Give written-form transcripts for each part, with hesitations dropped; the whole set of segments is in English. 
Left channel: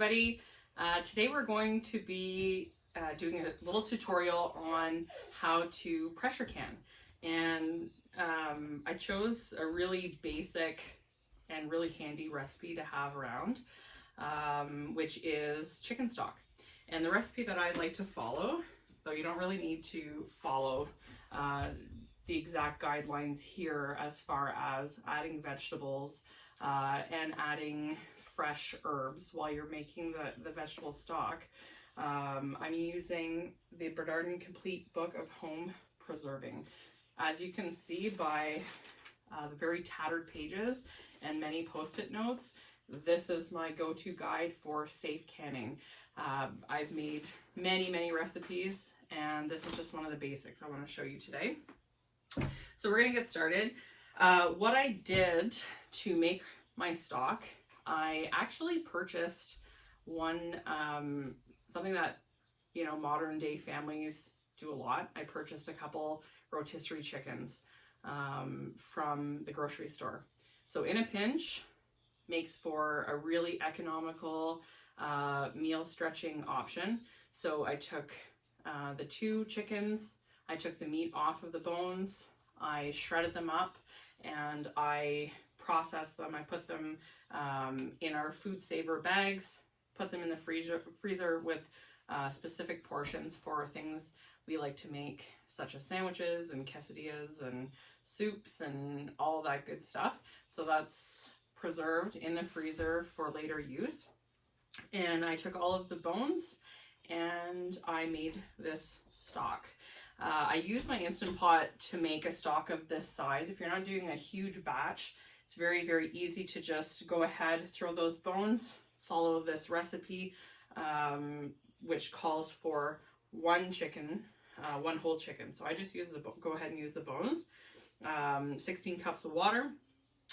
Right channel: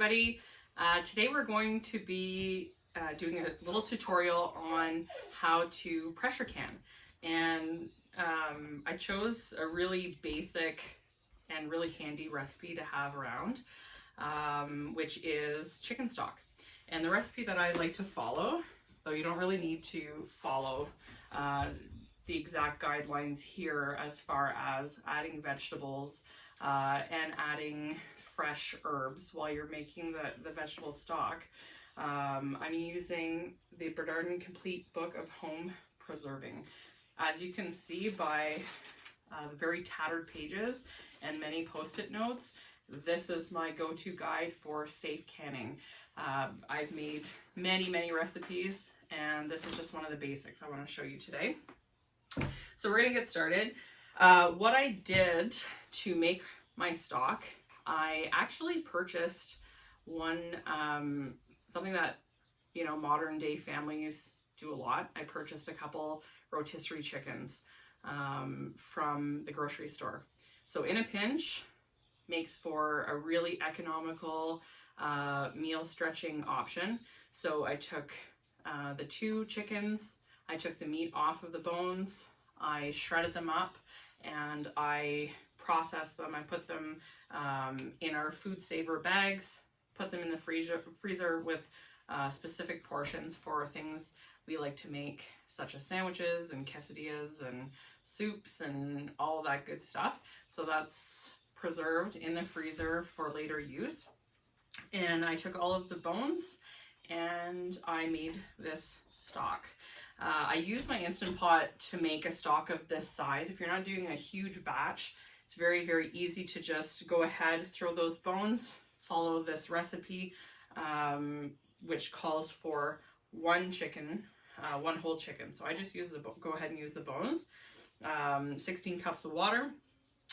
everybody. Today we're going to be doing a little tutorial on how to pressure can. And I chose a really basic and really handy recipe to have around, which is chicken stock. And the recipe that I like to follow, though you don't really need to follow the exact guidelines here as far as adding vegetables and adding fresh herbs while you're making the vegetable stock. I'm using the Bernardin Complete Book of Home Preserving. As you can see by the very tattered pages and many post-it notes, this is my go-to guide for safe canning. I've made many recipes, and this is just one of the basics I want to show you today. So we're going to get started. What I did to make my stock, I actually purchased something that, you know, modern day families do a lot. I purchased a couple rotisserie chickens from the grocery store. So in a pinch, makes for a really economical meal stretching option. So I took the 2 chickens, I took the meat off of the bones, I shredded them up, and I processed them. I put them in our food saver bags, put them in the freezer with specific portions for things we like to make, such as sandwiches and quesadillas and soups and all that good stuff. So that's preserved in the freezer for later use. And I took all of the bones and I made this stock. I used my Instant Pot to make a stock of this size. If you're not doing a huge batch, it's very easy to just go ahead, throw those bones, follow this recipe, which calls for 1 chicken, 1 whole chicken. So I just use go ahead and use the bones. 16 cups of water,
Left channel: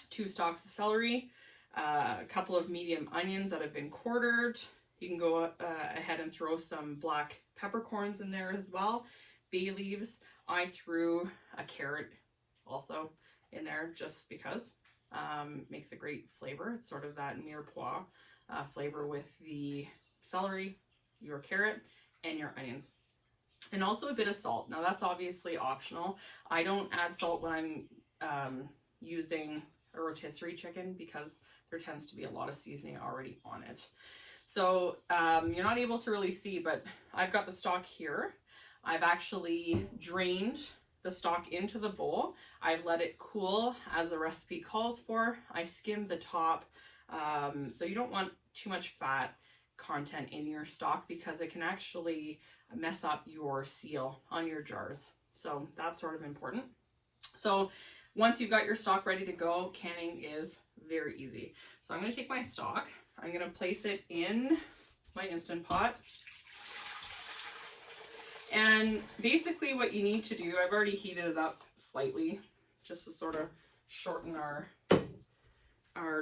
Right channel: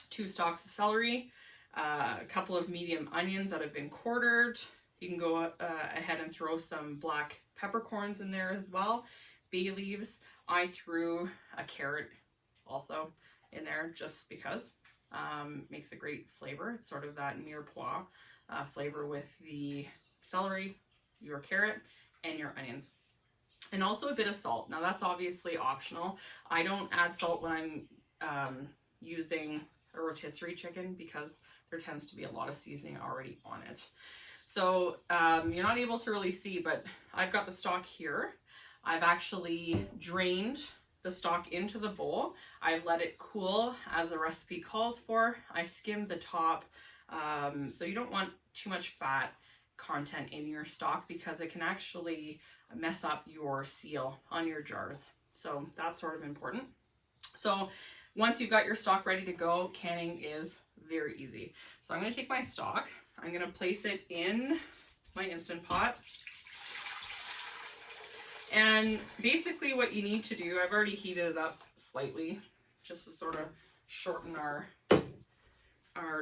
2 stalks of celery, a couple of medium onions that have been quartered. You can go ahead and throw some black peppercorns in there as well. Bay leaves. I threw a carrot also in there just because. Makes a great flavor. It's sort of that mirepoix flavor with the celery, your carrot, and your onions. And also a bit of salt. Now that's obviously optional. I don't add salt when I'm using a rotisserie chicken because there tends to be a lot of seasoning already on it. So you're not able to really see, but I've got the stock here. I've actually drained the stock into the bowl. I've let it cool as the recipe calls for. I skimmed the top, so you don't want too much fat content in your stock because it can actually mess up your seal on your jars. So that's sort of important. So once you've got your stock ready to go, canning is very easy. So I'm going to take my stock, I'm going to place it in my Instant Pot. And basically what you need to do, I've already heated it up slightly just to sort of shorten our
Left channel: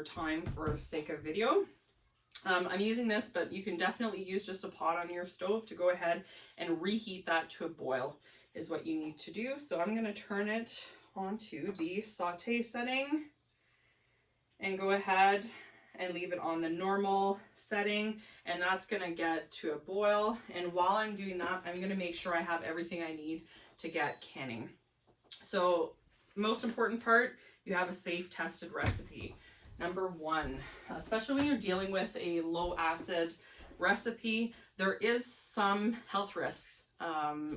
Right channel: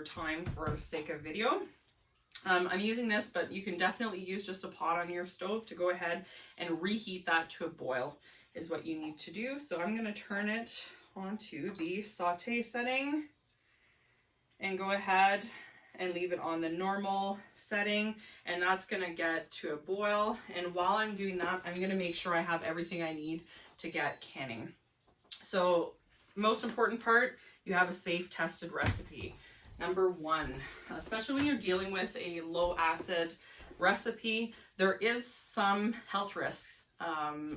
time for the sake of video. I'm using this, but you can definitely use just a pot on your stove to go ahead and reheat that to a boil is what you need to do. So I'm going to turn it onto the saute setting and go ahead and leave it on the normal setting, and that's going to get to a boil. And while I'm doing that, I'm going to make sure I have everything I need to get canning. So most important part, you have a safe tested recipe. Number 1, especially when you're dealing with a low acid recipe, there is some health risks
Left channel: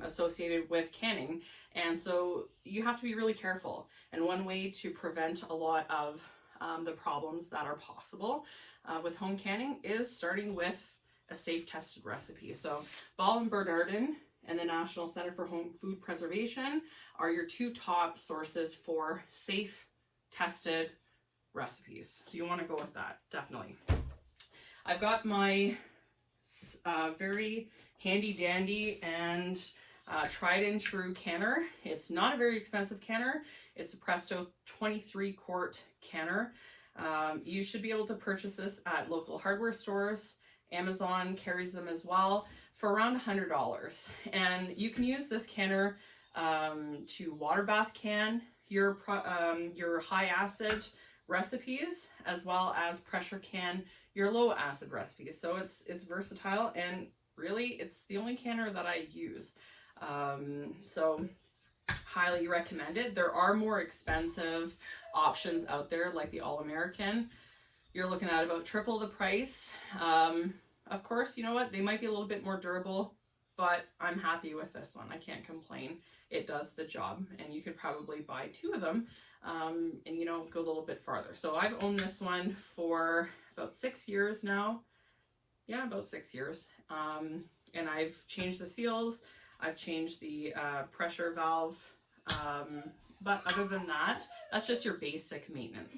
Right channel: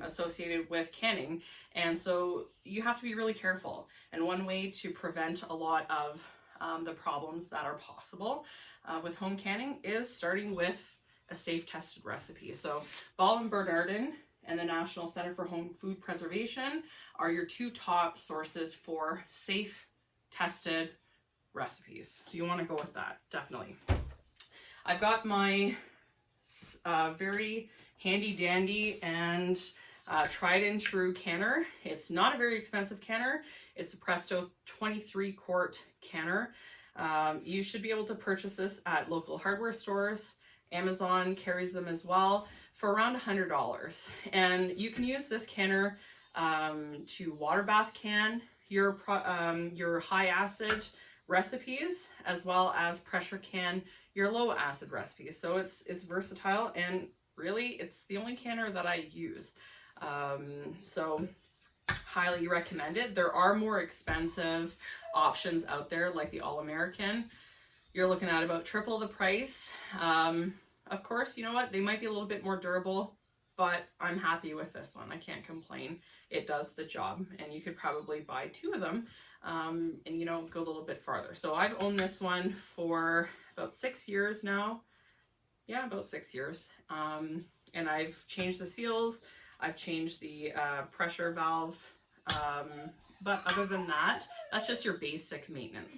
associated with canning, and so you have to be really careful. And one way to prevent a lot of the problems that are possible with home canning is starting with a safe tested recipe. So Ball and Bernardin and the National Center for Home Food Preservation are your 2 top sources for safe tested recipes. So you want to go with that, definitely. I've got my very handy dandy and tried and true canner. It's not a very expensive canner. It's the Presto 23 quart canner. You should be able to purchase this at local hardware stores. Amazon carries them as well for around $100. And you can use this canner to water bath can your high acid recipes, as well as pressure can your low acid recipes. So it's versatile, and really it's the only canner that I use. So highly recommended. There are more expensive options out there like the All-American. You're looking at about triple the price. Of course, you know what? They might be a little bit more durable, but I'm happy with this one. I can't complain. It does the job, and you could probably buy 2 of them and, you know, go a little bit farther. So I've owned this one for about 6 years now. Yeah, about 6 years. And I've changed the seals. I've changed the pressure valve. But other than that, that's just your basic maintenance.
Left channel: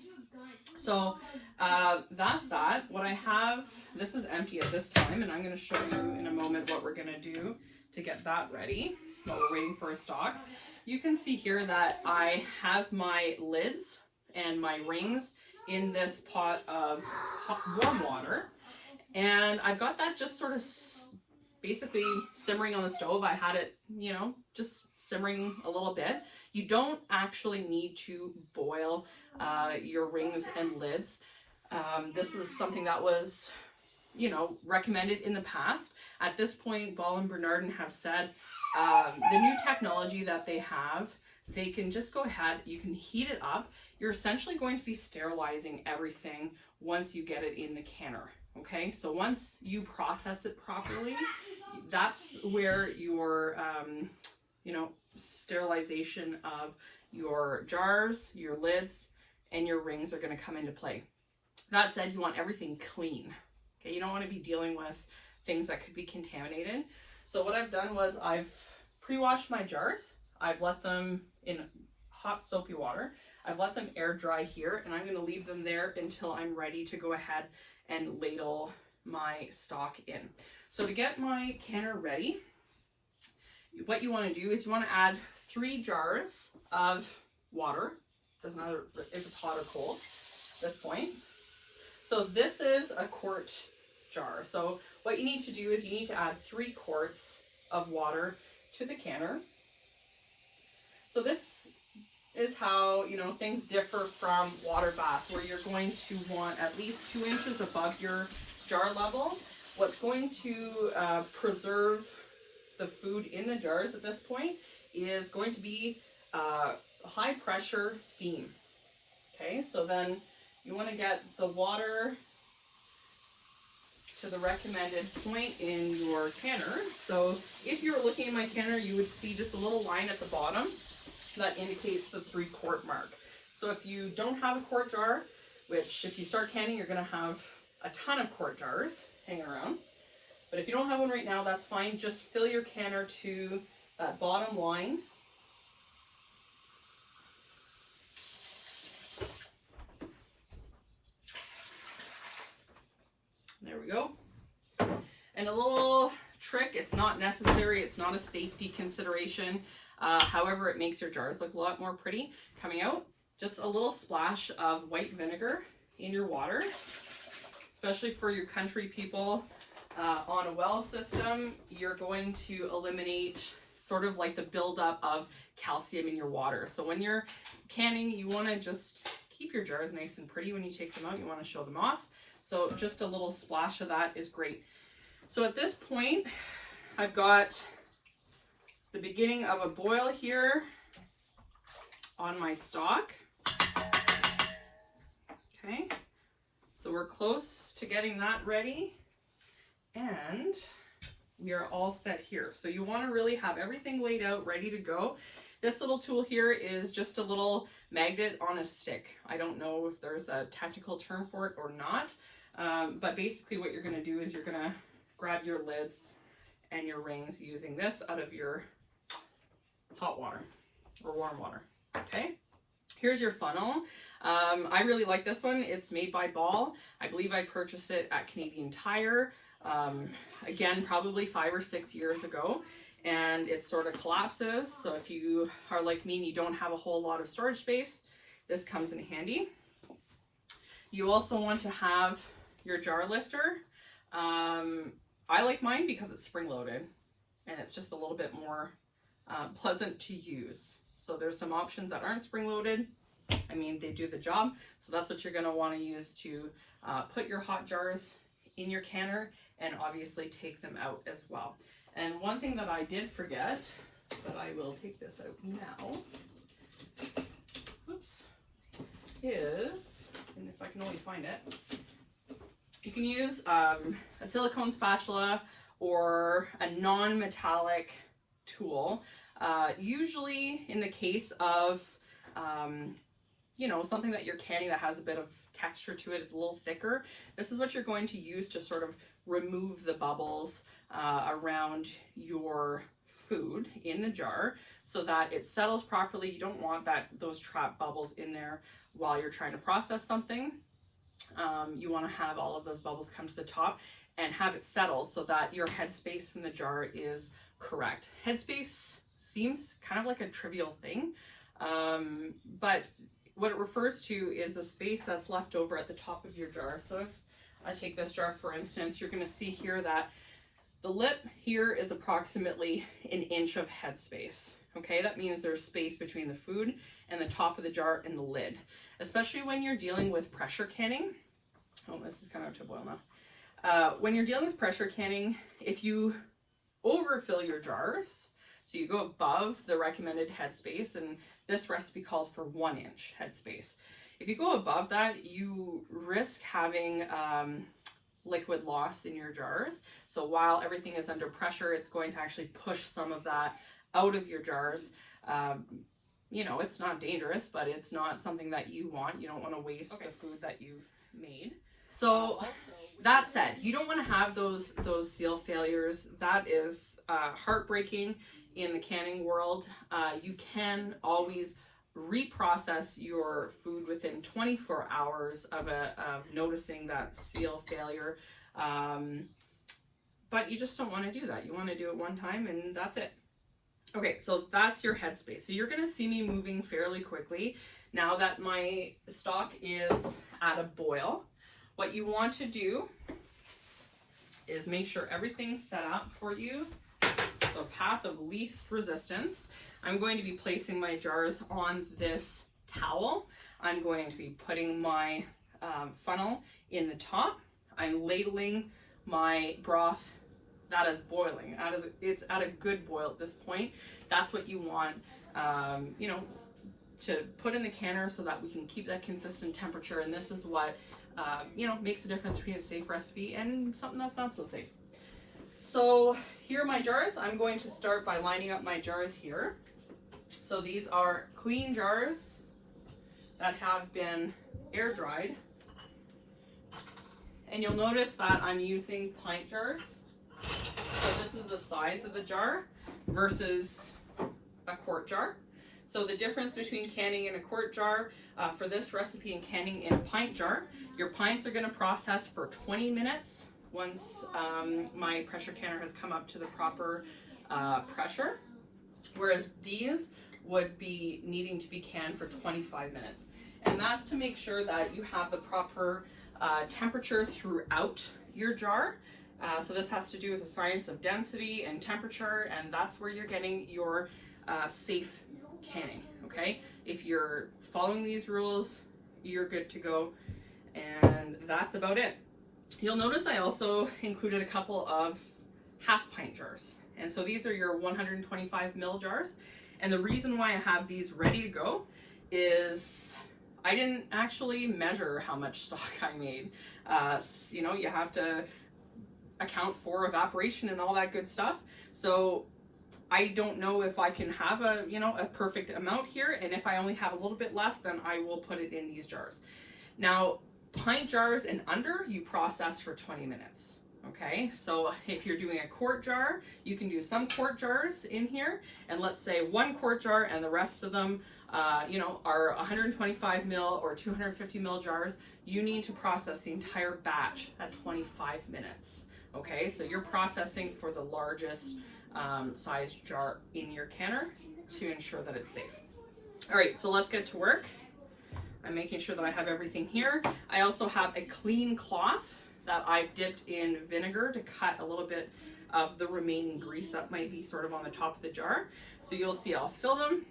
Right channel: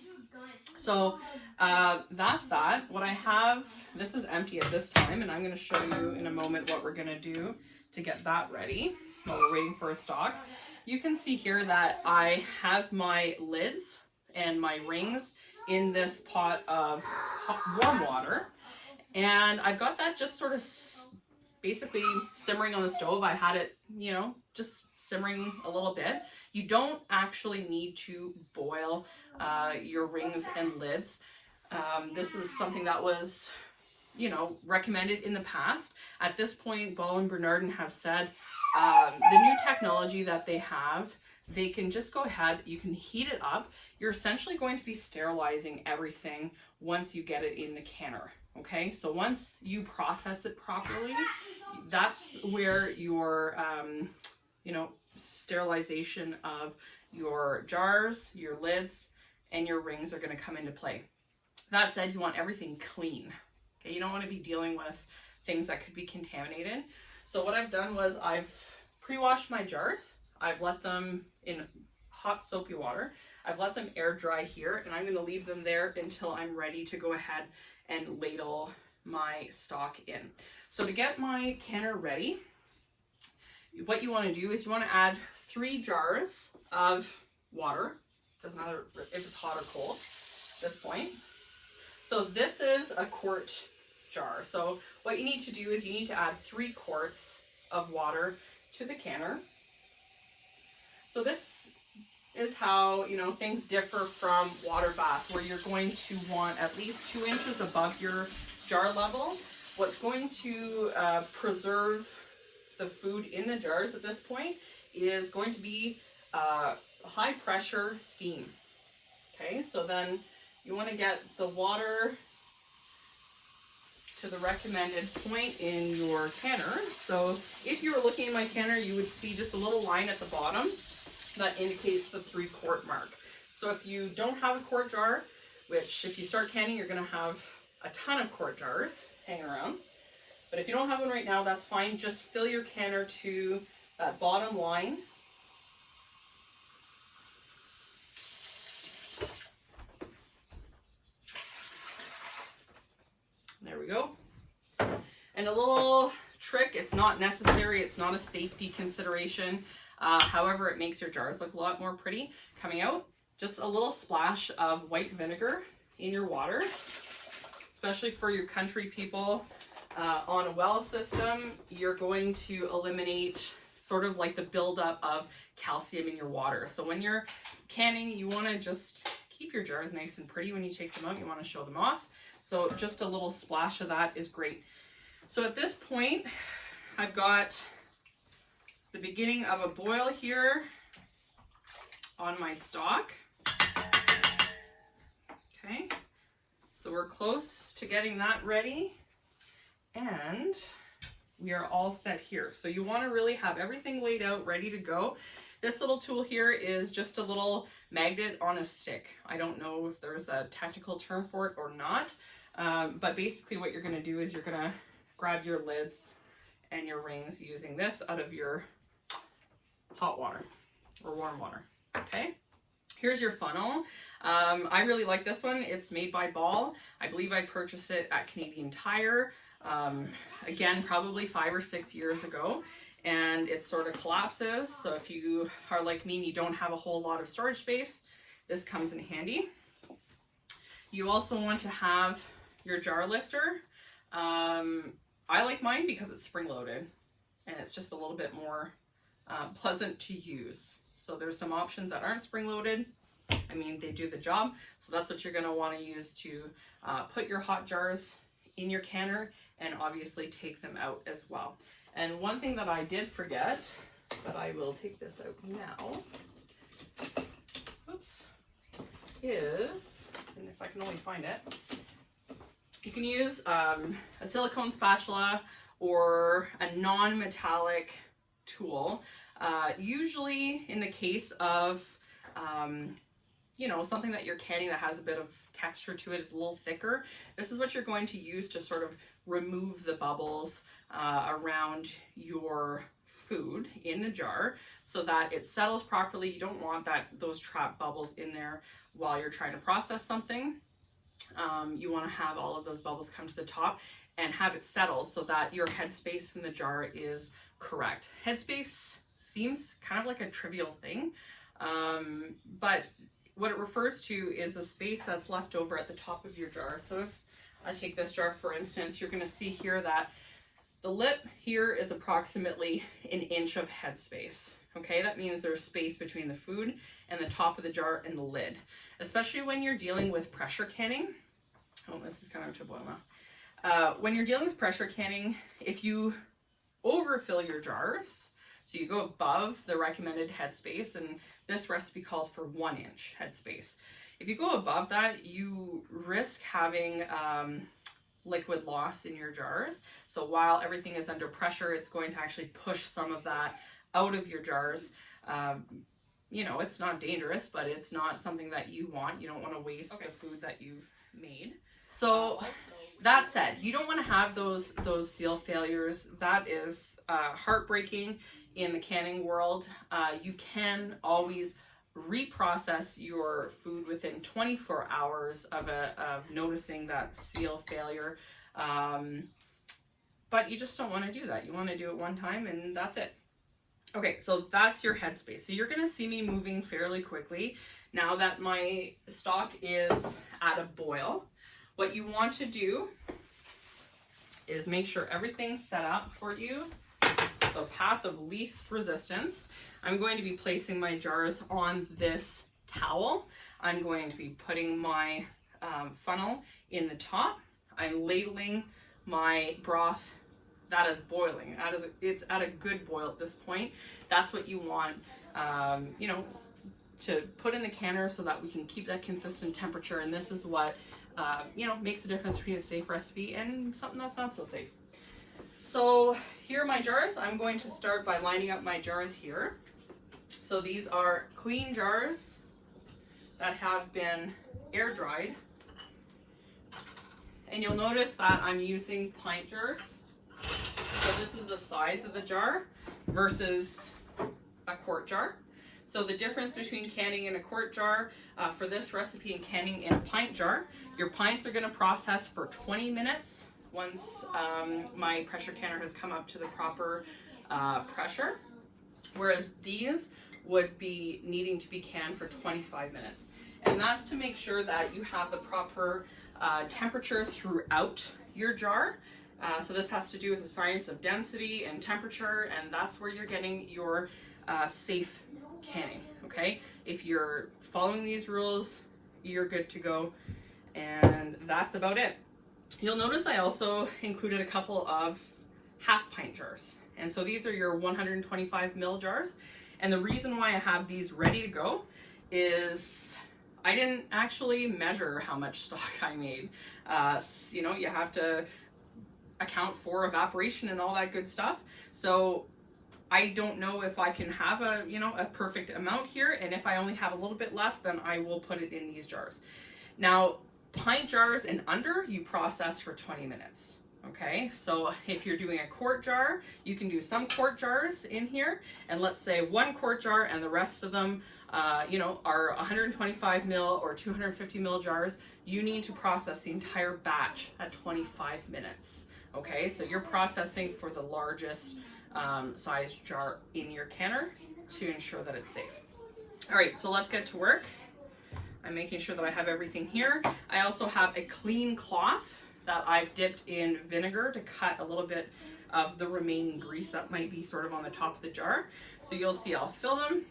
So that's that. What I have, this is empty at this time, and I'm going to show you in a moment what we're going to do to get that ready while we're waiting for a stock. You can see here that I have my lids and my rings in this pot of warm water, and I've got that just sort of basically simmering on the stove. I had it, you know, just simmering a little bit. You don't actually need to boil your rings and lids. This is something that was, you know, recommended in the past. At this point, Ball and Bernardin have said the new technology that they have, they can just go ahead, you can heat it up. You're essentially going to be sterilizing everything once you get it in the canner. Okay, so once you process it properly, that's where your, you know, sterilization of your jars, your lids, and your rings are going to come into play. That said, you want everything clean. Okay, you don't want to be dealing with things that could be contaminated. So what I've done was I've pre-washed my jars. I've let them in hot soapy water. I've let them air dry here, and I'm going to leave them there until I'm ready to go ahead and ladle my stock in. So to get my canner ready, what you want to do is you want to add 3 jars of water. Doesn't matter if it's hot or cold at this point. So this is a quart jar. So what you need to do is you need to add 3 quarts of water to the canner. So this is how, you know, things differ from water bath, where you're going to want at least 2 inches above your jar level. What's going to preserve the food in the jars at this point is going to be high pressure steam. Okay, so then you want to get the water to the recommended point in your canner. So if you were looking at my canner, you would see just a little line at the bottom that indicates the 3-quart mark. So if you don't have a quart jar, which if you start canning, you're going to have a ton of quart jars hanging around. But if you don't have one right now, that's fine. Just fill your canner to that bottom line. There we go. And a little trick, it's not necessary, it's not a safety consideration. However, it makes your jars look a lot more pretty coming out. Just a little splash of white vinegar in your water, especially for your country people. On a well system, you're going to eliminate sort of like the buildup of calcium in your water. So when you're canning, you want to just keep your jars nice and pretty. When you take them out, you want to show them off. So just a little splash of that is great. So at this point, I've got the beginning of a boil here on my stock. Okay, so we're close to getting that ready, and we are all set here. So you want to really have everything laid out, ready to go. This little tool here is just a little magnet on a stick. I don't know if there's a technical term for it or not, but basically what you're going to do is you're going to grab your lids and your rings using this out of your hot water or warm water. Okay, here's your funnel. I really like this one. It's made by Ball. I believe I purchased it at Canadian Tire, again, probably 5 or 6 years ago, and it sort of collapses. So if you are like me and you don't have a whole lot of storage space, this comes in handy. You also want to have your jar lifter. I like mine because it's spring-loaded and it's just a little bit more pleasant to use. So there's some options that aren't spring-loaded. I mean, they do the job. So that's what you're going to want to use to put your hot jars in your canner, and obviously take them out as well. And one thing that I did forget, but I will take this out now, oops, is, and if I can only find it, you can use a silicone spatula or a non-metallic tool. Usually in the case of, you know, something that you're canning that has a bit of texture to it, is a little thicker, this is what you're going to use to sort of remove the bubbles around your food in the jar so that it settles properly. You don't want those trapped bubbles in there while you're trying to process something. You want to have all of those bubbles come to the top and have it settle so that your headspace in the jar is correct. Headspace seems kind of like a trivial thing, but what it refers to is the space that's left over at the top of your jar. So if I take this jar, for instance, you're going to see here that the lip here is approximately an inch of headspace. Okay, that means there's space between the food and the top of the jar and the lid, especially when you're dealing with pressure canning. Oh, this is kind of to boil now. When you're dealing with pressure canning, if you overfill your jars, so you go above the recommended headspace, and this recipe calls for 1 inch headspace. If you go above that, you risk having liquid loss in your jars. So while everything is under pressure, it's going to actually push some of that out of your jars. You know, it's not dangerous, but it's not something that you want. You don't want to waste the food that you've made. So that said, you don't want to have those seal failures. That is heartbreaking in the canning world. You can always reprocess your food within 24 hours of noticing that seal failure. But you just don't want to do that. You want to do it one time and that's it. Okay, so that's your headspace. So you're going to see me moving fairly quickly now that my stock is at a boil. What you want to do is make sure everything's set up for you. So path of least resistance. I'm going to be placing my jars on this towel. I'm going to be putting my funnel in the top. I'm ladling my broth. That is boiling. It's at a good boil at this point. That's what you want, you know, to put in the canner so that we can keep that consistent temperature. And this is what, you know, makes a difference between a safe recipe and something that's not so safe. So here are my jars. I'm going to start by lining up my jars here. So these are clean jars that have been air dried. And you'll notice that I'm using pint jars. So this is the size of the jar versus a quart jar. So the difference between canning in a quart jar for this recipe and canning in a pint jar, your pints are going to process for 20 minutes once my pressure canner has come up to the proper pressure, whereas these would be needing to be canned for 25 minutes. And that's to make sure that you have the proper temperature throughout your jar. So this has to do with the science of density and temperature, and that's where you're getting your safe canning, okay? If you're following these rules, you're good to go, and that's about it. You'll notice I also included a couple of half pint jars, and so these are your 125 ml jars, and the reason why I have these ready to go is I didn't actually measure how much stock I made. You know, you have to account for evaporation and all that good stuff. So I don't know if I can have a, you know, a perfect amount here. And if I only have a little bit left, then I will put it in these jars. Now, pint jars and under, you process for 20 minutes. Okay, so if you're doing a quart jar, you can do some quart jars in here, and let's say 1 quart jar and the rest of them, you know, are 125 ml or 250 ml jars. You need to process the entire batch at 25 minutes. Okay, so you're processing for the largest size jar in your canner to ensure that it's safe. All right, so let's get to work. I'm making sure that I have everything here. I also have a clean cloth that I've dipped in vinegar to cut a little bit of the remaining grease that might be sort of on the top of the jar. So you'll see I'll fill them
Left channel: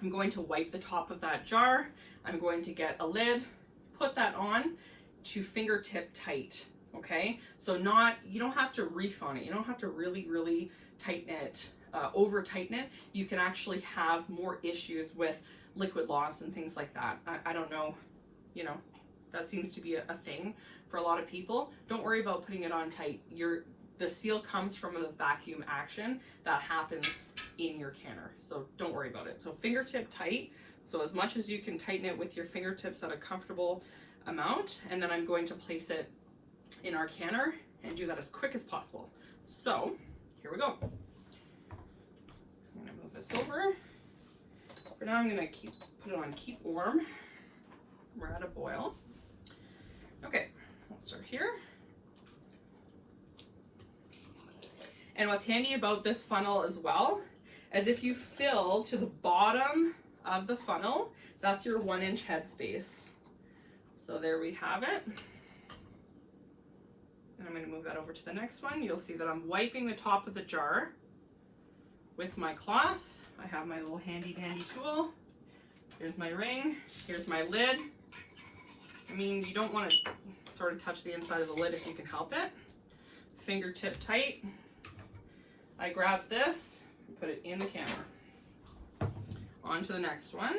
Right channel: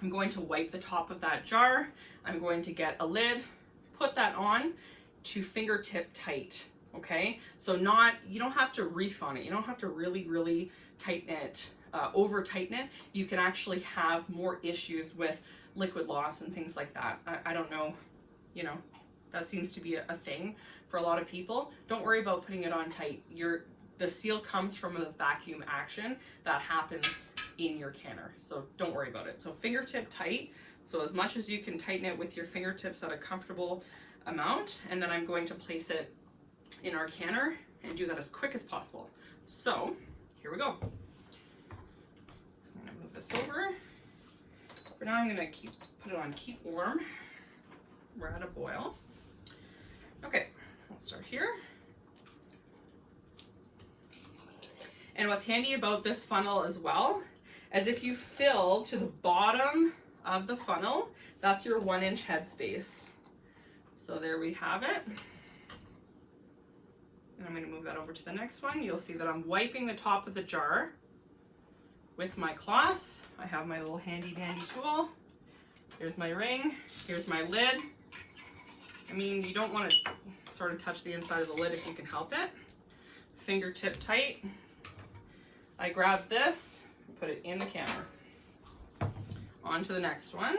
I'm going to wipe the top of that jar. I'm going to get a lid, put that on to fingertip tight, okay? So you don't have to reef on it. You don't have to really tighten it, over tighten it. You can actually have more issues with liquid loss and things like that. I don't know, you know, that seems to be a thing for a lot of people. Don't worry about putting it on tight. The seal comes from a vacuum action that happens in your canner, so don't worry about it. So fingertip tight, so as much as you can tighten it with your fingertips at a comfortable amount, and then I'm going to place it in our canner and do that as quick as possible. So here we go. I'm gonna move this over. For now, I'm gonna put it on keep warm. We're at a boil. Okay, let's start here. And what's handy about this funnel as well, is if you fill to the bottom of the funnel, that's your 1-inch headspace. So there we have it. And I'm going to move that over to the next one. You'll see that I'm wiping the top of the jar with my cloth. I have my little handy dandy tool. Here's my ring. Here's my lid. I mean, you don't want to sort of touch the inside of the lid if you can help it. Fingertip tight. I grab this and put it in the canner. On to the next one.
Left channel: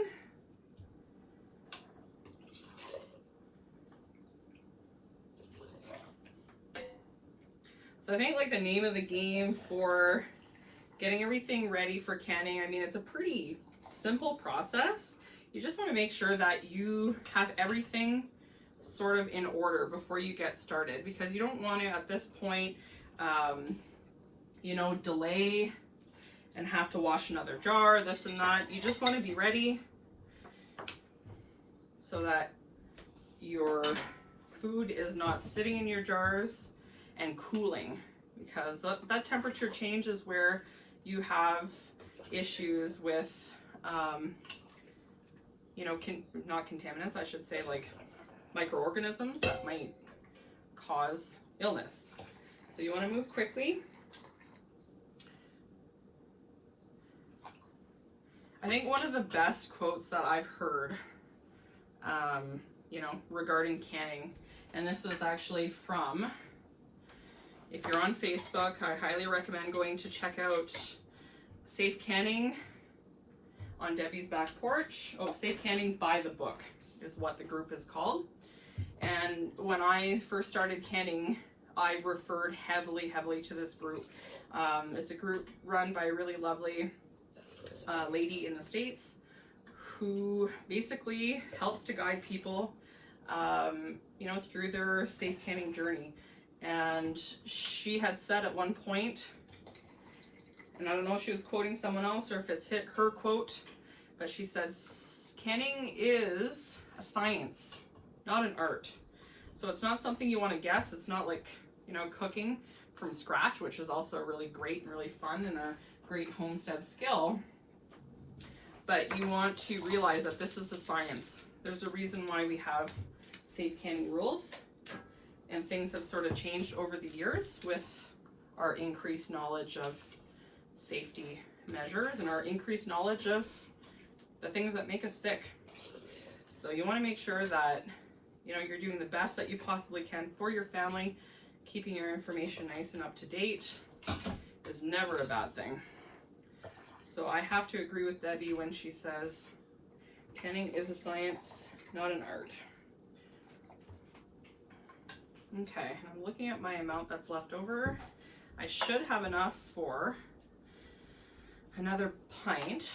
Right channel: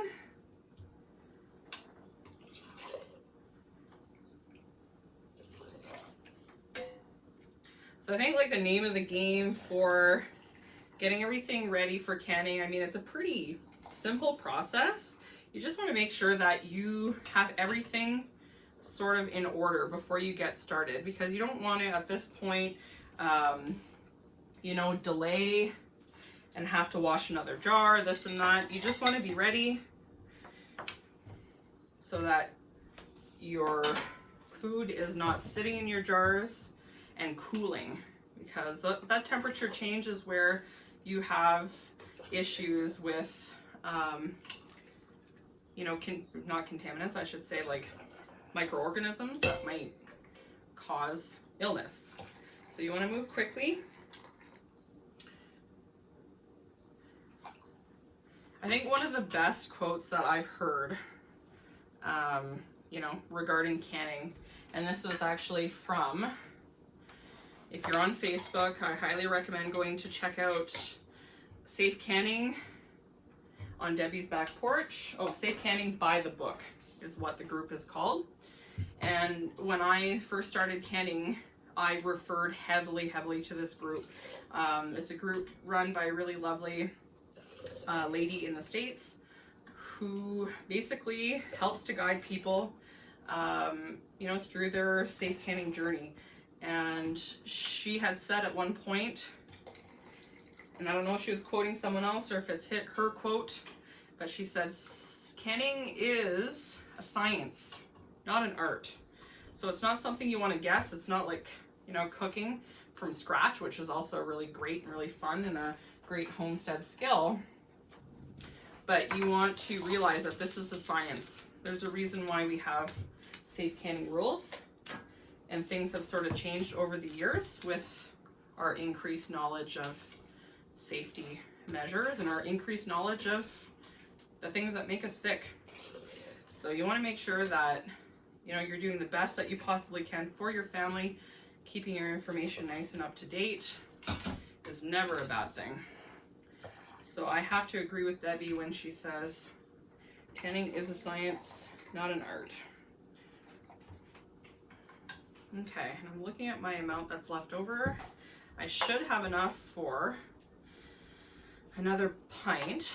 So I think like the name of the game for getting everything ready for canning, I mean, it's a pretty simple process. You just want to make sure that you have everything sort of in order before you get started, because you don't want to at this point you know, delay and have to wash another jar, this and that. You just want to be ready so that your food is not sitting in your jars and cooling, because that temperature change is where you have issues with, you know, not contaminants, I should say, like microorganisms that might cause illness. So you want to move quickly. I think one of the best quotes that I've heard, you know, regarding canning, and this was actually from, if you're on Facebook, I highly recommend going to check out Safe Canning on Debbie's Back Porch. Oh, Safe Canning by the Book is what the group is called. And when I first started canning, I referred heavily to this group. It's a group run by a really lovely lady in the States who basically helps to guide people, you know, through their safe canning journey. And she had said at one point, and I don't know if she was quoting someone else or if it's her quote, but she said, canning is a science, not an art. So it's not something you want to guess. It's not like, you know, cooking from scratch, which is also really great and really fun and a great homestead skill. But you want to realize that this is a science. There's a reason why we have safe canning rules, and things have sort of changed over the years with our increased knowledge of safety measures and our increased knowledge of the things that make us sick. So you want to make sure that, you know, you're doing the best that you possibly can for your family. Keeping your information nice and up to date is never a bad thing. So I have to agree with Debbie when she says canning is a science, not an art. Okay, and I'm looking at my amount that's left over. I should have enough for another pint.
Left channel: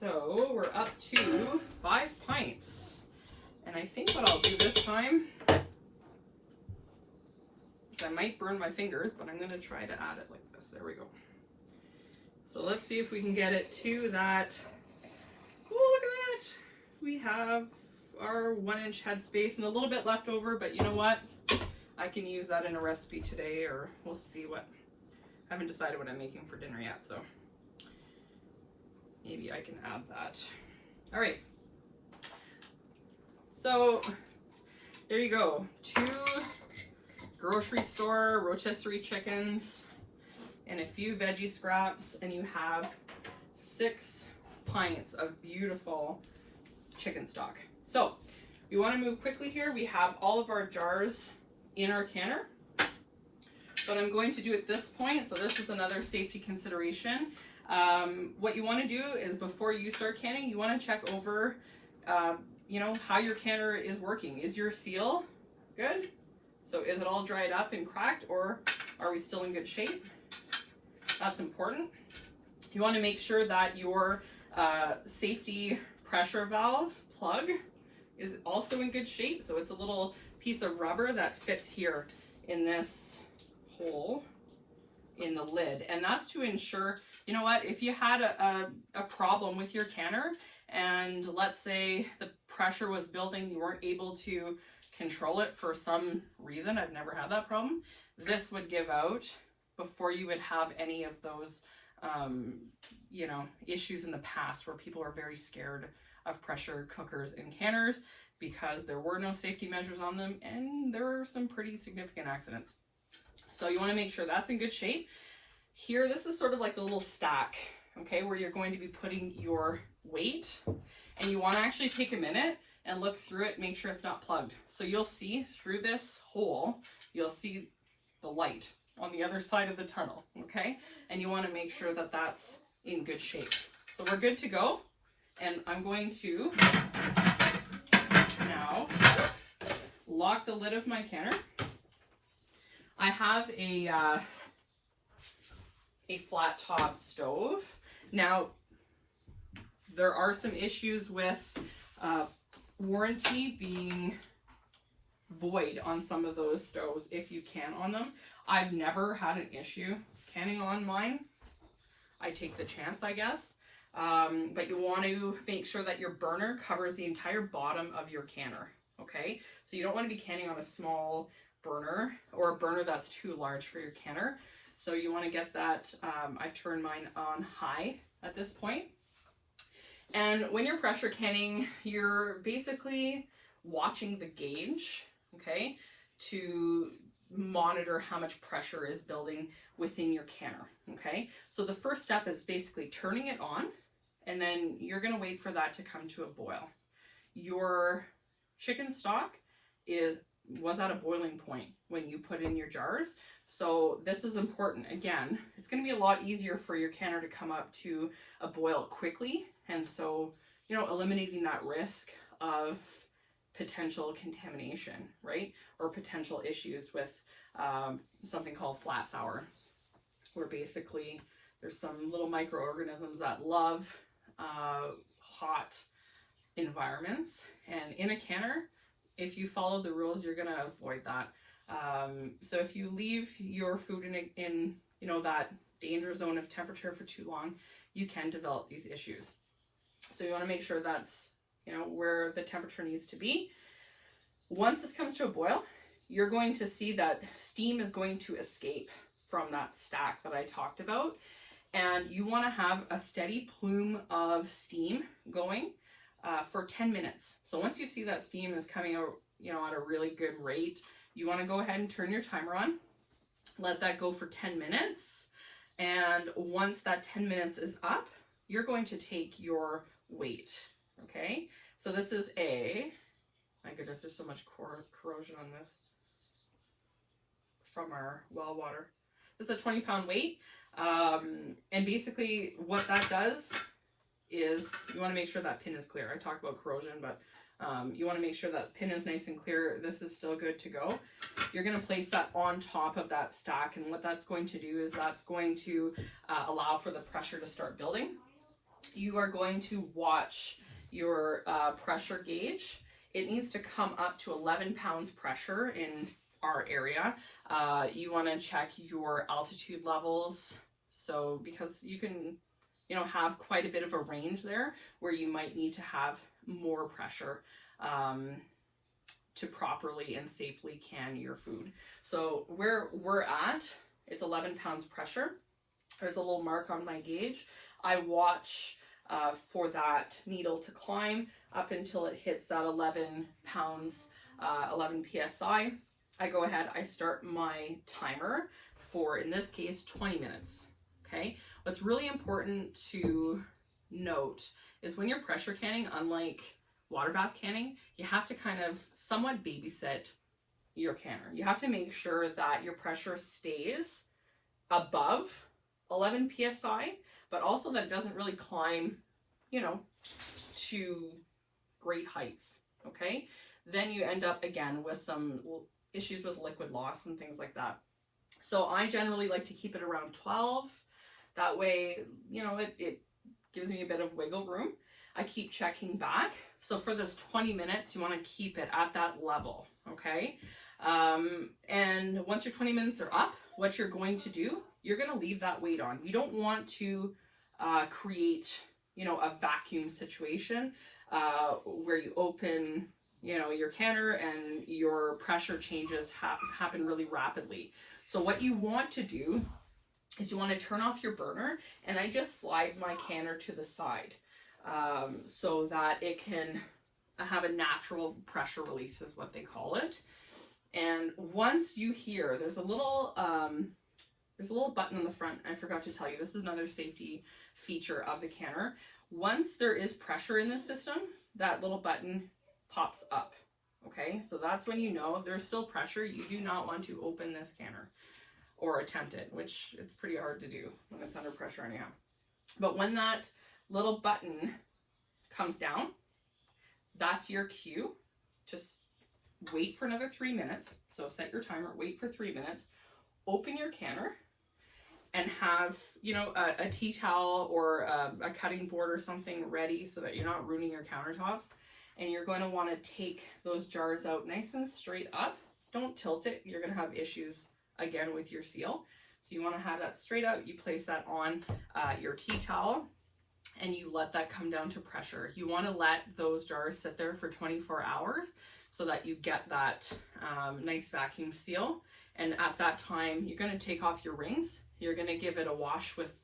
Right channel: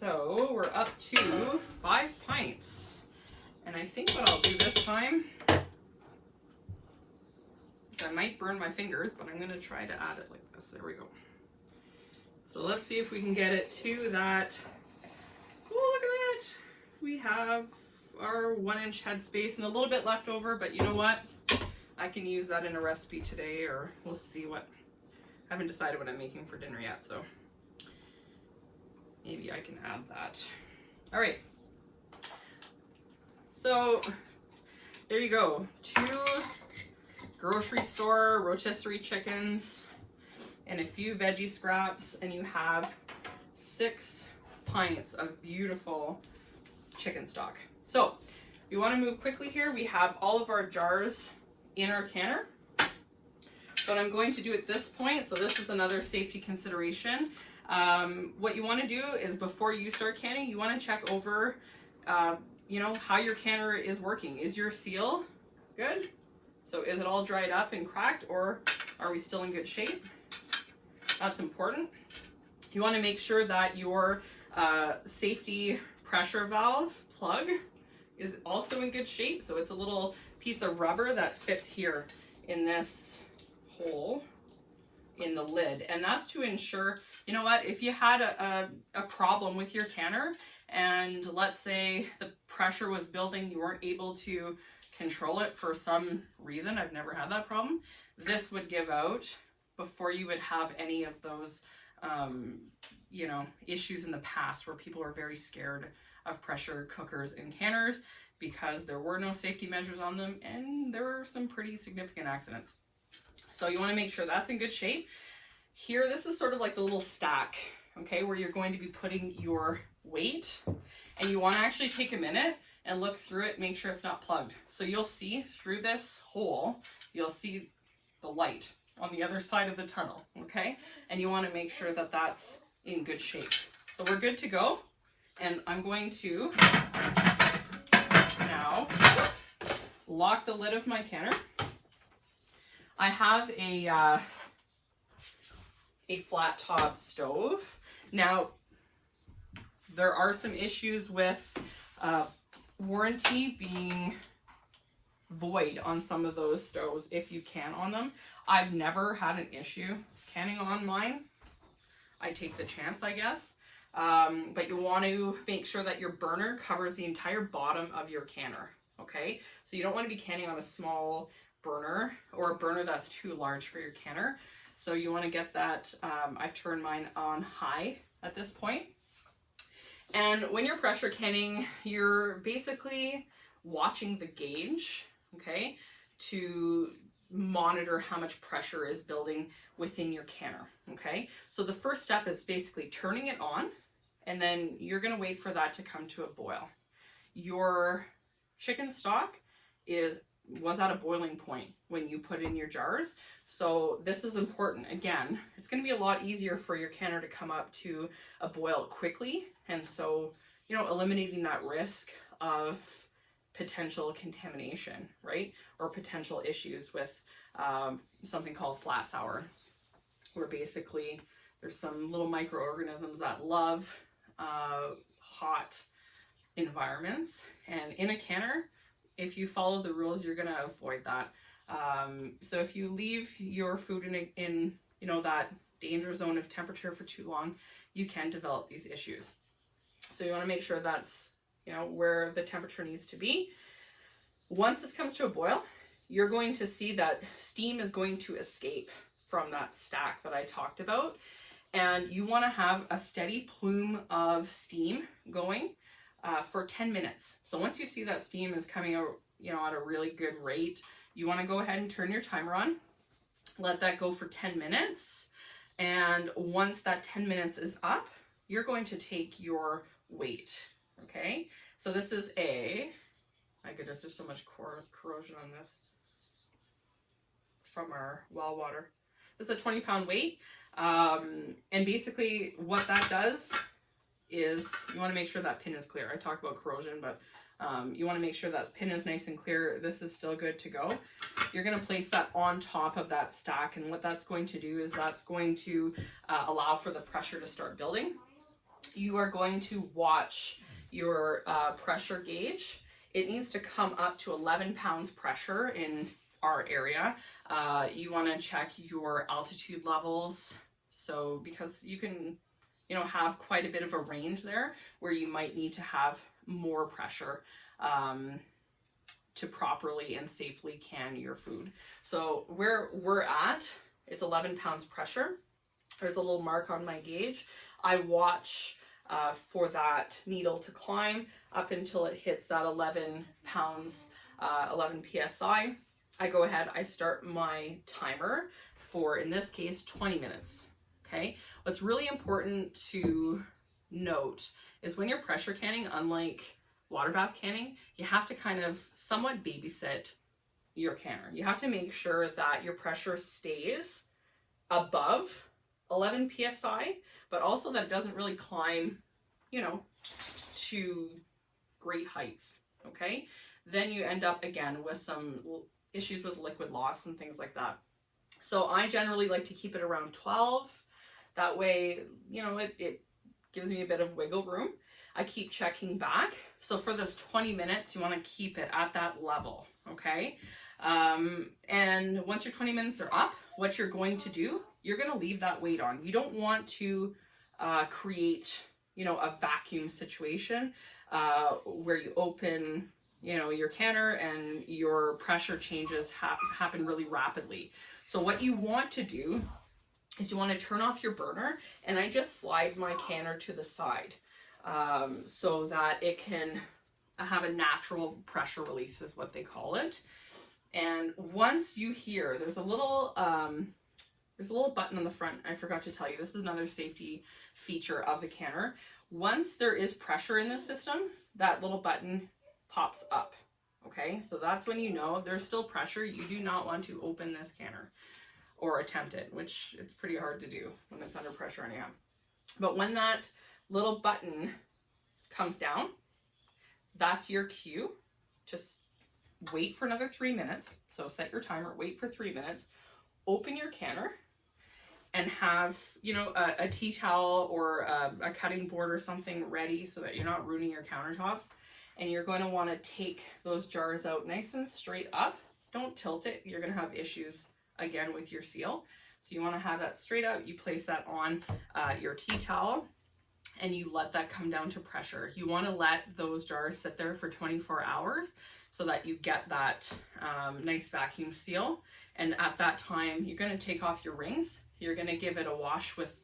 So we're up to 5 pints. And I think what I'll do this time is I might burn my fingers, but I'm going to try to add it like this. There we go. So let's see if we can get it to that. Oh, look at that. We have our 1-inch headspace and a little bit left over, but you know what? I can use that in a recipe today, or we'll see what. I haven't decided what I'm making for dinner yet, so maybe I can add that. All right. So there you go. 2 grocery store rotisserie chickens and a few veggie scraps, and you have 6 pints of beautiful chicken stock. So we want to move quickly here. We have all of our jars in our canner. What I'm going to do at this point, so this is another safety consideration. What you want to do is before you start canning, you want to check over, you know, how your canner is working. Is your seal good? So is it all dried up and cracked, or are we still in good shape? That's important. You want to make sure that your safety pressure valve plug is also in good shape. So it's a little piece of rubber that fits here in this hole in the lid, and that's to ensure, you know what, if you had a problem with your canner and let's say the pressure was building, you weren't able to control it for some reason, I've never had that problem, this would give out before you would have any of those you know, issues in the past where people are very scared of pressure cookers and canners because there were no safety measures on them and there were some pretty significant accidents. So you want to make sure that's in good shape. Here, this is sort of like the little stack, okay, where you're going to be putting your weight, and you want to actually take a minute and look through it, make sure it's not plugged. So you'll see through this hole, you'll see the light on the other side of the tunnel, okay? And you want to make sure that that's in good shape. So we're good to go, and I'm going to now lock the lid of my canner. I have a flat top stove. Now, there are some issues with warranty being void on some of those stoves if you can on them. I've never had an issue canning on mine. I take the chance, I guess. But you want to make sure that your burner covers the entire bottom of your canner, okay? So you don't want to be canning on a small burner or a burner that's too large for your canner. So you want to get that, I've turned mine on high at this point. And when you're pressure canning, you're basically watching the gauge, okay, to monitor how much pressure is building within your canner, okay? So the first step is basically turning it on, and then you're going to wait for that to come to a boil. Your chicken stock was at a boiling point when you put in your jars. So this is important. Again, it's going to be a lot easier for your canner to come up to a boil quickly. And so, you know, eliminating that risk of potential contamination, right? Or potential issues with something called flat sour, where basically there's some little microorganisms that love hot environments. And in a canner, if you follow the rules, you're going to avoid that. So if you leave your food in you know, that danger zone of temperature for too long, you can develop these issues. So you want to make sure that's, you know, where the temperature needs to be. Once this comes to a boil, you're going to see that steam is going to escape from that stack that I talked about. And you want to have a steady plume of steam going for 10 minutes. So once you see that steam is coming out, you know, at a really good rate, you want to go ahead and turn your timer on. Let that go for 10 minutes. And once that 10 minutes is up, you're going to take your weight, okay? So this is my goodness, there's so much corrosion on this from our well water. This is a 20-pound weight. And basically what that does is you want to make sure that pin is clear. I talked about corrosion, but you want to make sure that pin is nice and clear. This is still good to go. You're going to place that on top of that stack, and what that's going to do is that's going to allow for the pressure to start building. You are going to watch your pressure gauge. It needs to come up to 11 pounds pressure in our area. You want to check your altitude levels. So because you can, you know, have quite a bit of a range there where you might need to have more pressure to properly and safely can your food. So where we're at, it's 11 pounds pressure. There's a little mark on my gauge. I watch for that needle to climb up until it hits that 11 pounds, 11 psi. I go ahead, I start my timer for, in this case, 20 minutes. Okay. What's really important to note is when you're pressure canning, unlike water bath canning, you have to kind of somewhat babysit your canner. You have to make sure that your pressure stays above 11 psi, but also that it doesn't really climb, you know, to great heights. Okay. Then you end up again with some issues with liquid loss and things like that. So I generally like to keep it around 12. That way, you know, it gives me a bit of wiggle room. I keep checking back. So for those 20 minutes, you want to keep it at that level. Okay. And once your 20 minutes are up, what you're going to do, you're going to leave that weight on. You don't want to create, you know, a vacuum situation where you open, you know, your canner and your pressure changes happen really rapidly. So what you want to do is you want to turn off your burner, and I just slide my canner to the side so that it can have a natural pressure release is what they call it. And once you hear, there's a little button on the front. I forgot to tell you, this is another safety feature of the canner. Once there is pressure in the system, that little button pops up. Okay, so that's when you know there's still pressure. You do not want to open this canner or attempt it, which it's pretty hard to do when it's under pressure anyhow. But when that little button comes down, that's your cue. Just wait for another 3 minutes. So set your timer, wait for 3 minutes, open your canner, and have, you know, a tea towel or a cutting board or something ready so that you're not ruining your countertops. And you're going to want to take those jars out nice and straight up. Don't tilt it. You're going to have issues again with your seal. So you want to have that straight up. You place that on your tea towel and you let that come down to pressure. You want to let those jars sit there for 24 hours so that you get that nice vacuum seal. And at that time, you're going to take off your rings. You're going to give it a wash with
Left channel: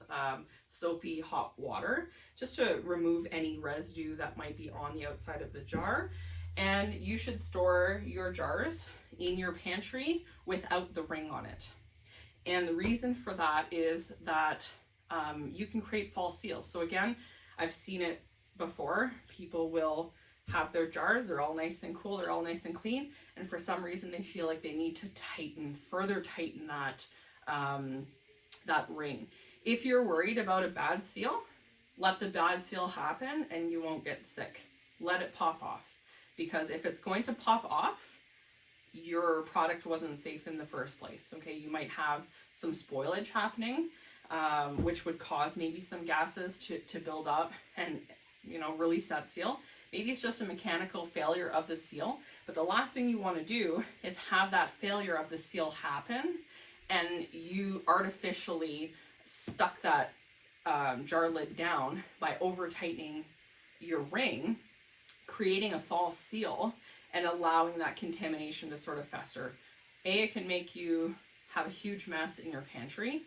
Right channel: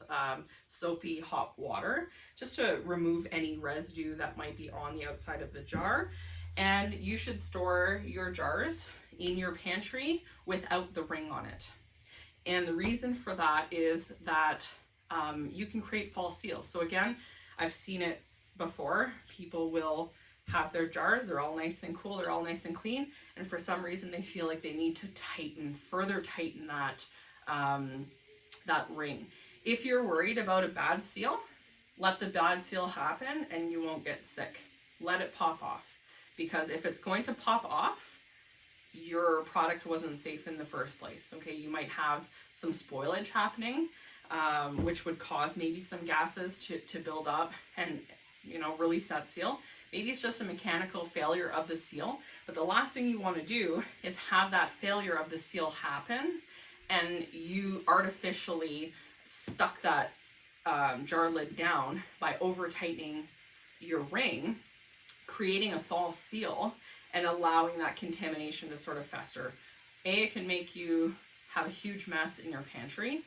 soapy hot water just to remove any residue that might be on the outside of the jar. And you should store your jars in your pantry without the ring on it. And the reason for that is that you can create false seals. So again, I've seen it before. People will have their jars, they're all nice and cool, they're all nice and clean, and for some reason they feel like they need to further tighten that that ring. If you're worried about a bad seal, let the bad seal happen and you won't get sick. Let it pop off, because if it's going to pop off, your product wasn't safe in the first place. Okay, you might have some spoilage happening, which would cause maybe some gases to build up and, you know, release that seal. Maybe it's just a mechanical failure of the seal, but the last thing you want to do is have that failure of the seal happen and you artificially stuck that jar lid down by over tightening your ring, creating a false seal and allowing that contamination to sort of fester. A, it can make you have a huge mess in your pantry.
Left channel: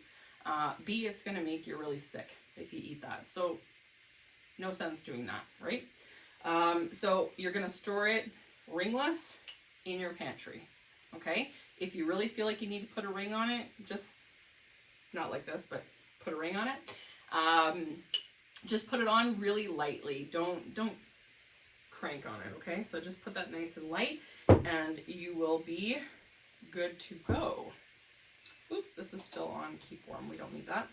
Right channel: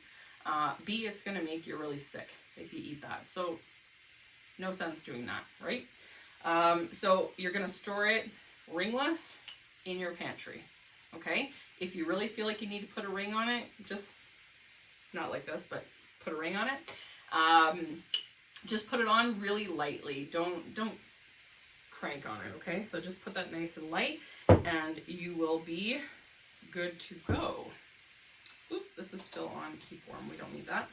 B, it's going to make you really sick if you eat that. So no sense doing that, right? So you're going to store it ringless in your pantry. Okay. If you really feel like you need to put a ring on it, just not like this, but put a ring on it. Just put it on really lightly. Don't crank on it. Okay. So just put that nice and light and you will be good to go. Oops, this is still on keep warm. We don't need that.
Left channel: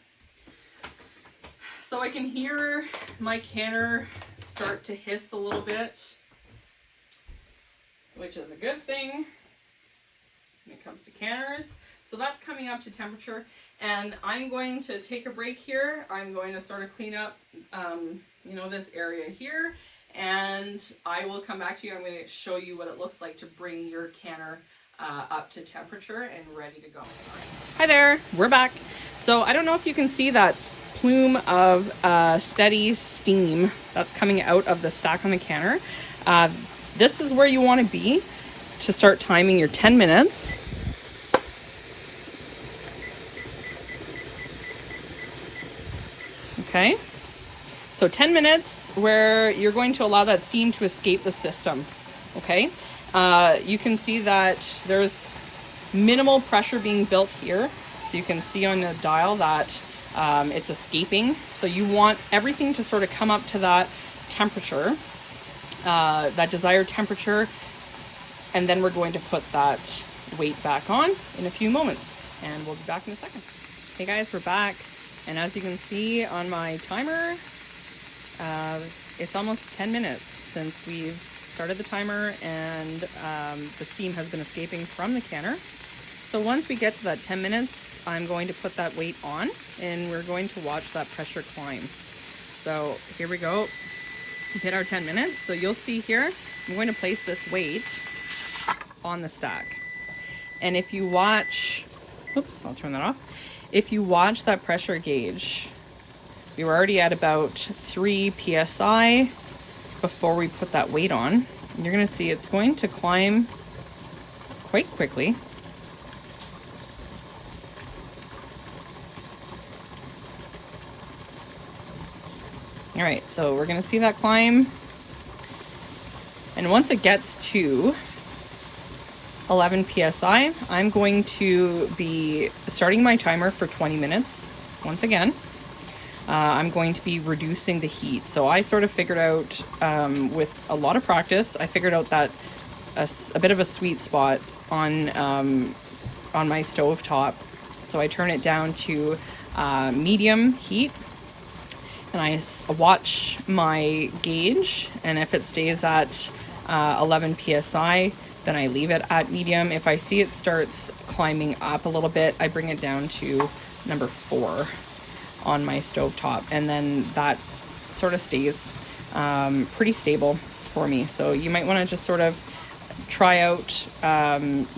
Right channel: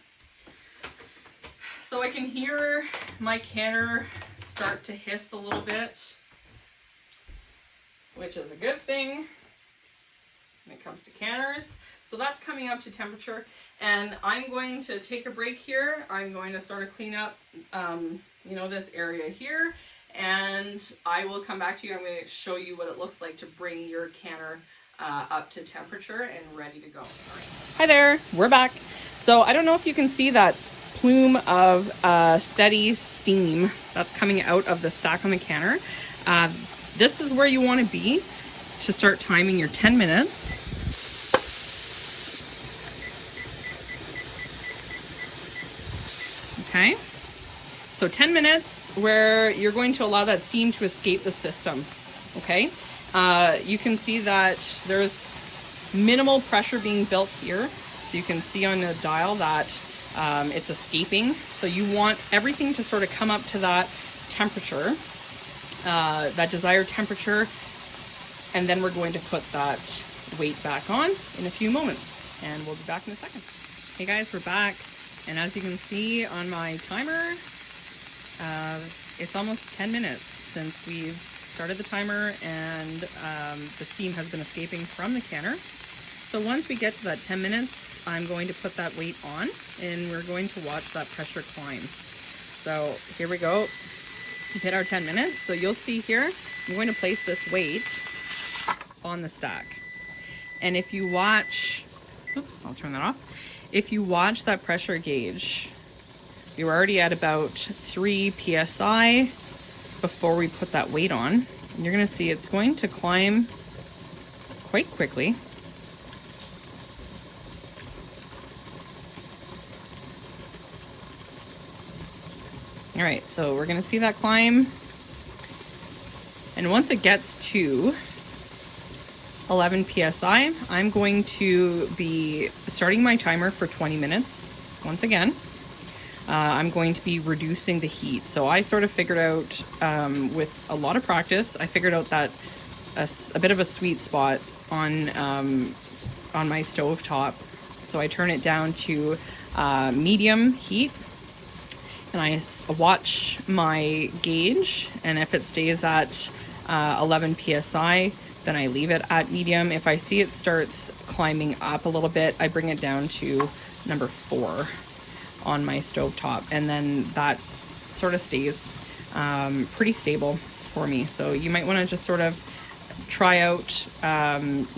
So I can hear my canner start to hiss a little bit, which is a good thing when it comes to canners. So that's coming up to temperature, and I'm going to take a break here. I'm going to sort of clean up, you know, this area here, and I will come back to you. I'm going to show you what it looks like to bring your canner up to temperature and ready to go. Hi there, we're back. So I don't know if you can see that plume of steady steam that's coming out of the stack on the canner. This is where you want to be to start timing your 10 minutes. Okay, so 10 minutes where you're going to allow that steam to escape the system. Okay, you can see that there's minimal pressure being built here. So you can see on the dial that it's escaping. So you want everything to sort of come up to that temperature, that desired temperature. And then we're going to put that weight back on in a few moments, and we'll be back in a second. Hey guys, we're back. And as you can see on my timer, it's almost 10 minutes since we've started the timer, and the steam has been escaping from the canner. So once we get to that 10 minutes, I'm going to put that weight on, and we're going to watch that pressure climb. So here we go. We hit our 10 minutes. So you'll see here, I'm going to place this weight on the stack. And if you watch, oops, I'll turn that off. If you watch that pressure gauge, you're already at about 3 psi before we put that weight on. And you're going to see it's going to climb quite quickly. All right, so we're going to see that climb. And once it gets to 11 psi, I'm going to be starting my timer for 20 minutes. Once again, I'm going to be reducing the heat. So I sort of figured out, with a lot of practice, I figured out that a bit of a sweet spot on my stove top. So I turn it down to medium heat, and I watch my gauge, and if it stays at 11 psi, then I leave it at medium. If I see it starts climbing up a little bit, I bring it down to number 4 on my stove top, and then that sort of stays pretty stable for me. So you might want to just sort of try out,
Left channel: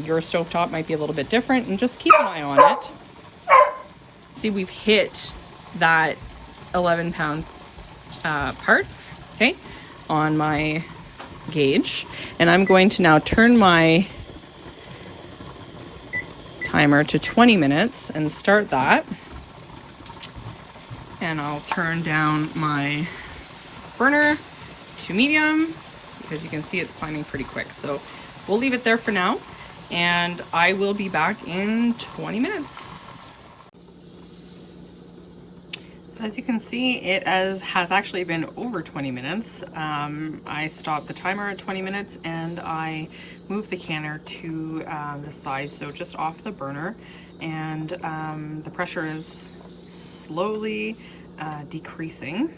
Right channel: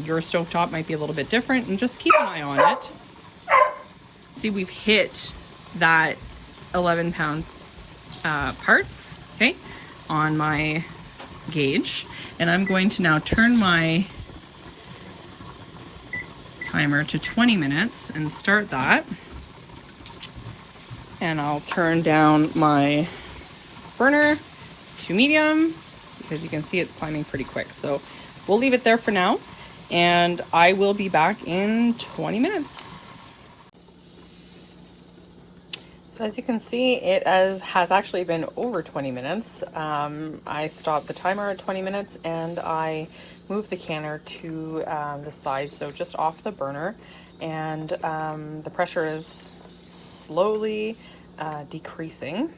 your stove top might be a little bit different, and just keep an eye on it. See, we've hit that 11-pound part, okay, on my gauge. And I'm going to now turn my timer to 20 minutes and start that. And I'll turn down my burner to medium, because you can see it's climbing pretty quick. So we'll leave it there for now, and I will be back in 20 minutes. As you can see, it has actually been over 20 minutes. I stopped the timer at 20 minutes, and I moved the canner to the side, so just off the burner, and the pressure is slowly decreasing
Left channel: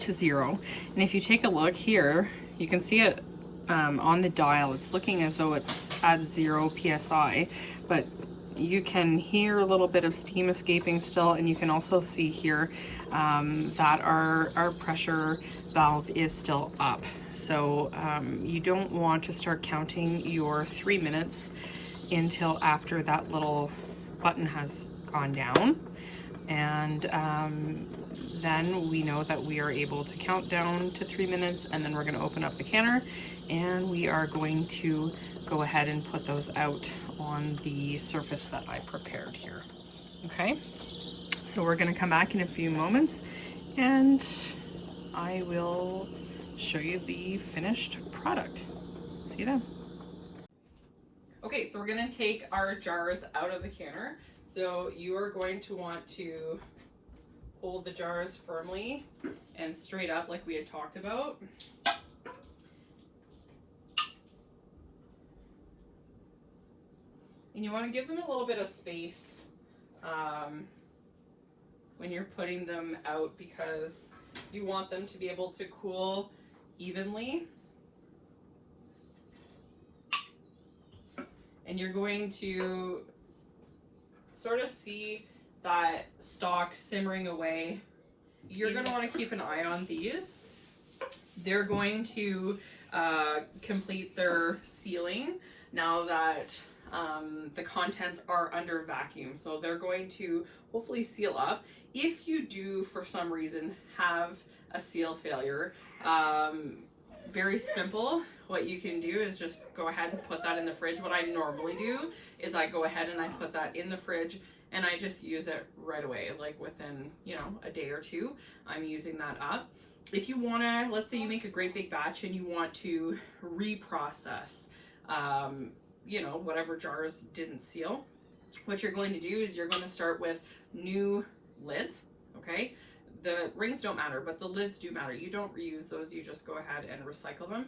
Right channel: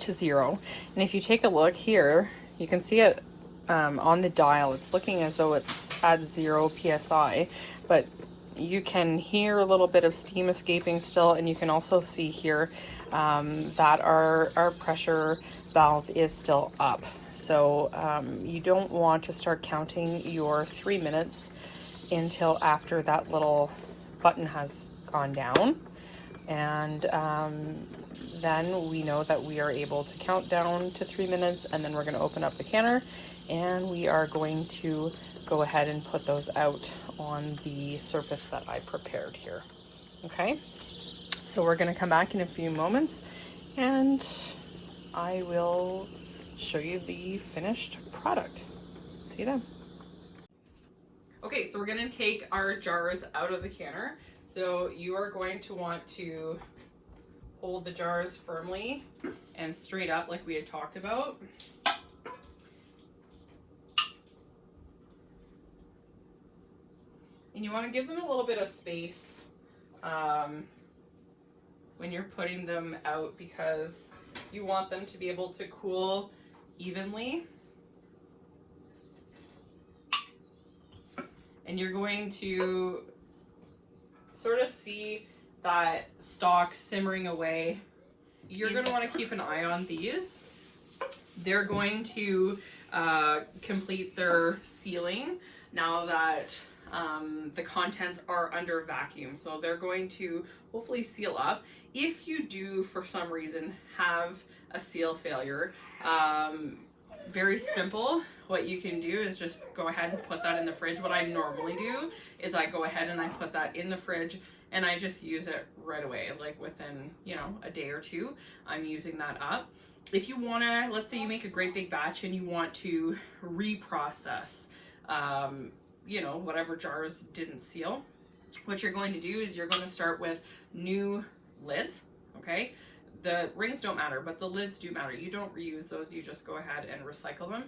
to 0. And if you take a look here, you can see it on the dial. It's looking as though it's at 0 psi, but you can hear a little bit of steam escaping still, and you can also see here that our pressure valve is still up. So you don't want to start counting your 3 minutes until after that little button has gone down, and then we know that we are able to count down to 3 minutes, and then we're going to open up the canner, and we are going to go ahead and put those out on the surface that I prepared here. Okay, so we're going to come back in a few moments, and I will show you the finished product. See you then. Okay, so we're going to take our jars out of the canner. So you are going to want to hold the jars firmly and straight up like we had talked about. And you want to give them a little bit of space when you're putting them out, because you want them to be able to cool evenly. And you're going to sort of see that stock simmering away. You're going to want to keep an eye on these. They're going to complete their sealing now that the contents are under vacuum. So they're going to hopefully seal up. If you do, for some reason, have a seal failure, very simple. What you can do is just go ahead and put that in the fridge. What I normally do is I go ahead and I put that in the fridge, and I just use it right away, like within, you know, a day or two, I'm using that up. If you want to, let's say you make a great big batch and you want to reprocess whatever jars didn't seal. What you're going to do is you're going to start with new lids, okay? The rings don't matter, but the lids do matter. You don't reuse those, you just go ahead and recycle them.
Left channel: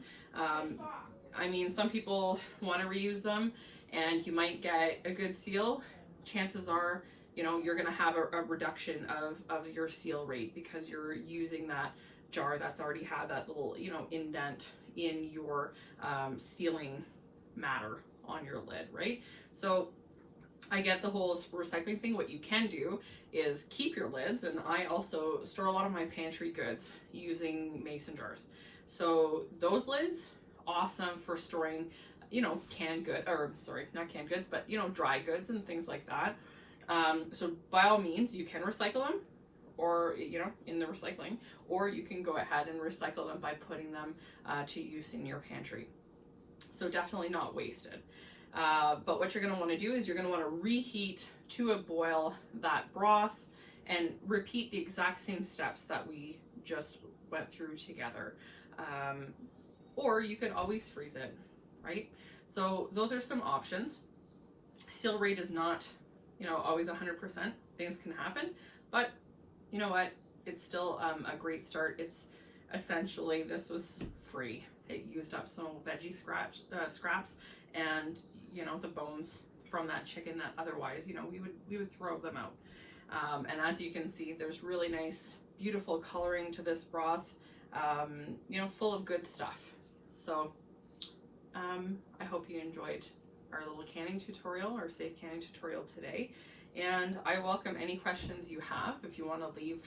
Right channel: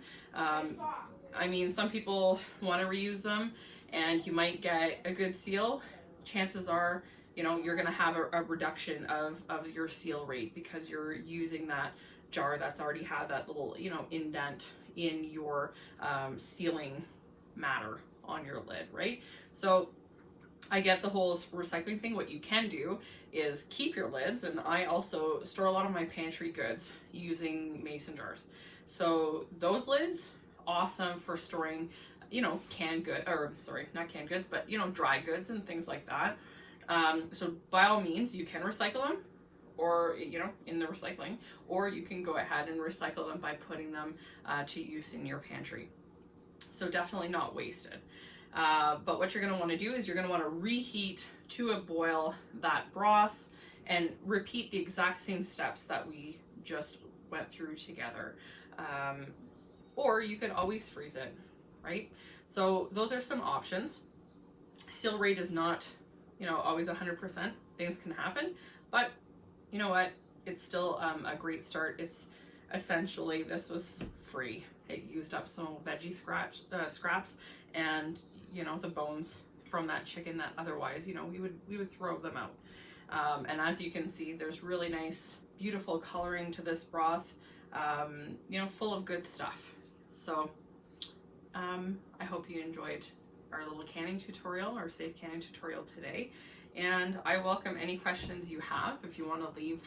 I mean, some people want to reuse them and you might get a good seal. Chances are, you're going to have a reduction of your seal rate because you're using that jar that's already had that little, indent in your sealing matter on your lid, right? So I get the whole recycling thing. What you can do is keep your lids, and I also store a lot of my pantry goods using mason jars. So those lids, awesome for storing, canned good, or sorry, not canned goods, but dry goods and things like that. So by all means, you can recycle them, or in the recycling, or you can go ahead and recycle them by putting them to use in your pantry. So definitely not wasted. But what you're going to want to do is you're going to want to reheat to a boil that broth and repeat the exact same steps that we just went through together. Or you could always freeze it, right? So those are some options. Seal rate is not, always 100%. Things can happen, but you know what? It's still a great start. It's essentially, this was free. It used up some veggie scraps and the bones from that chicken that otherwise we would throw them out. And as you can see, there's really nice, beautiful coloring to this broth, full of good stuff. So I hope you enjoyed our little canning tutorial, our safe canning tutorial today, and I welcome any questions you have. If you want to leave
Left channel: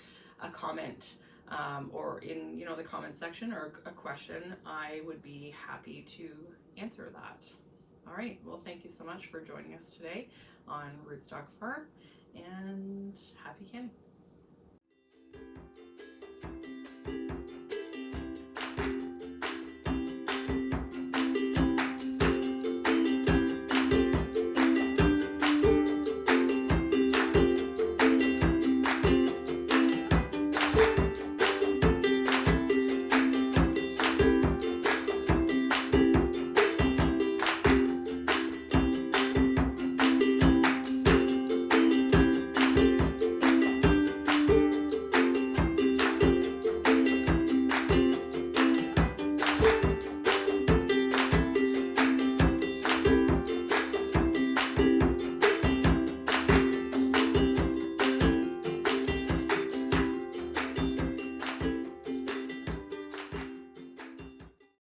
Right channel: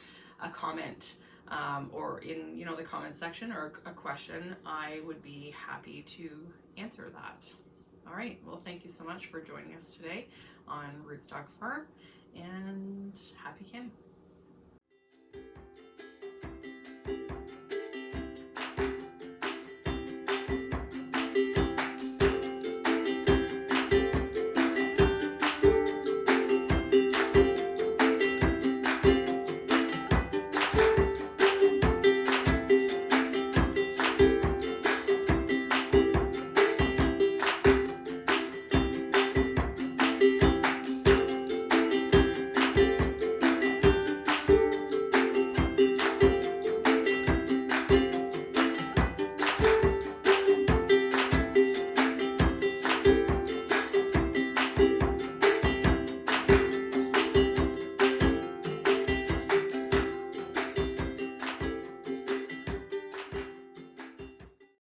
a comment or in the comment section, or a question, I would be happy to answer that. All right, well, thank you so much for joining us today on Rootstock Farm,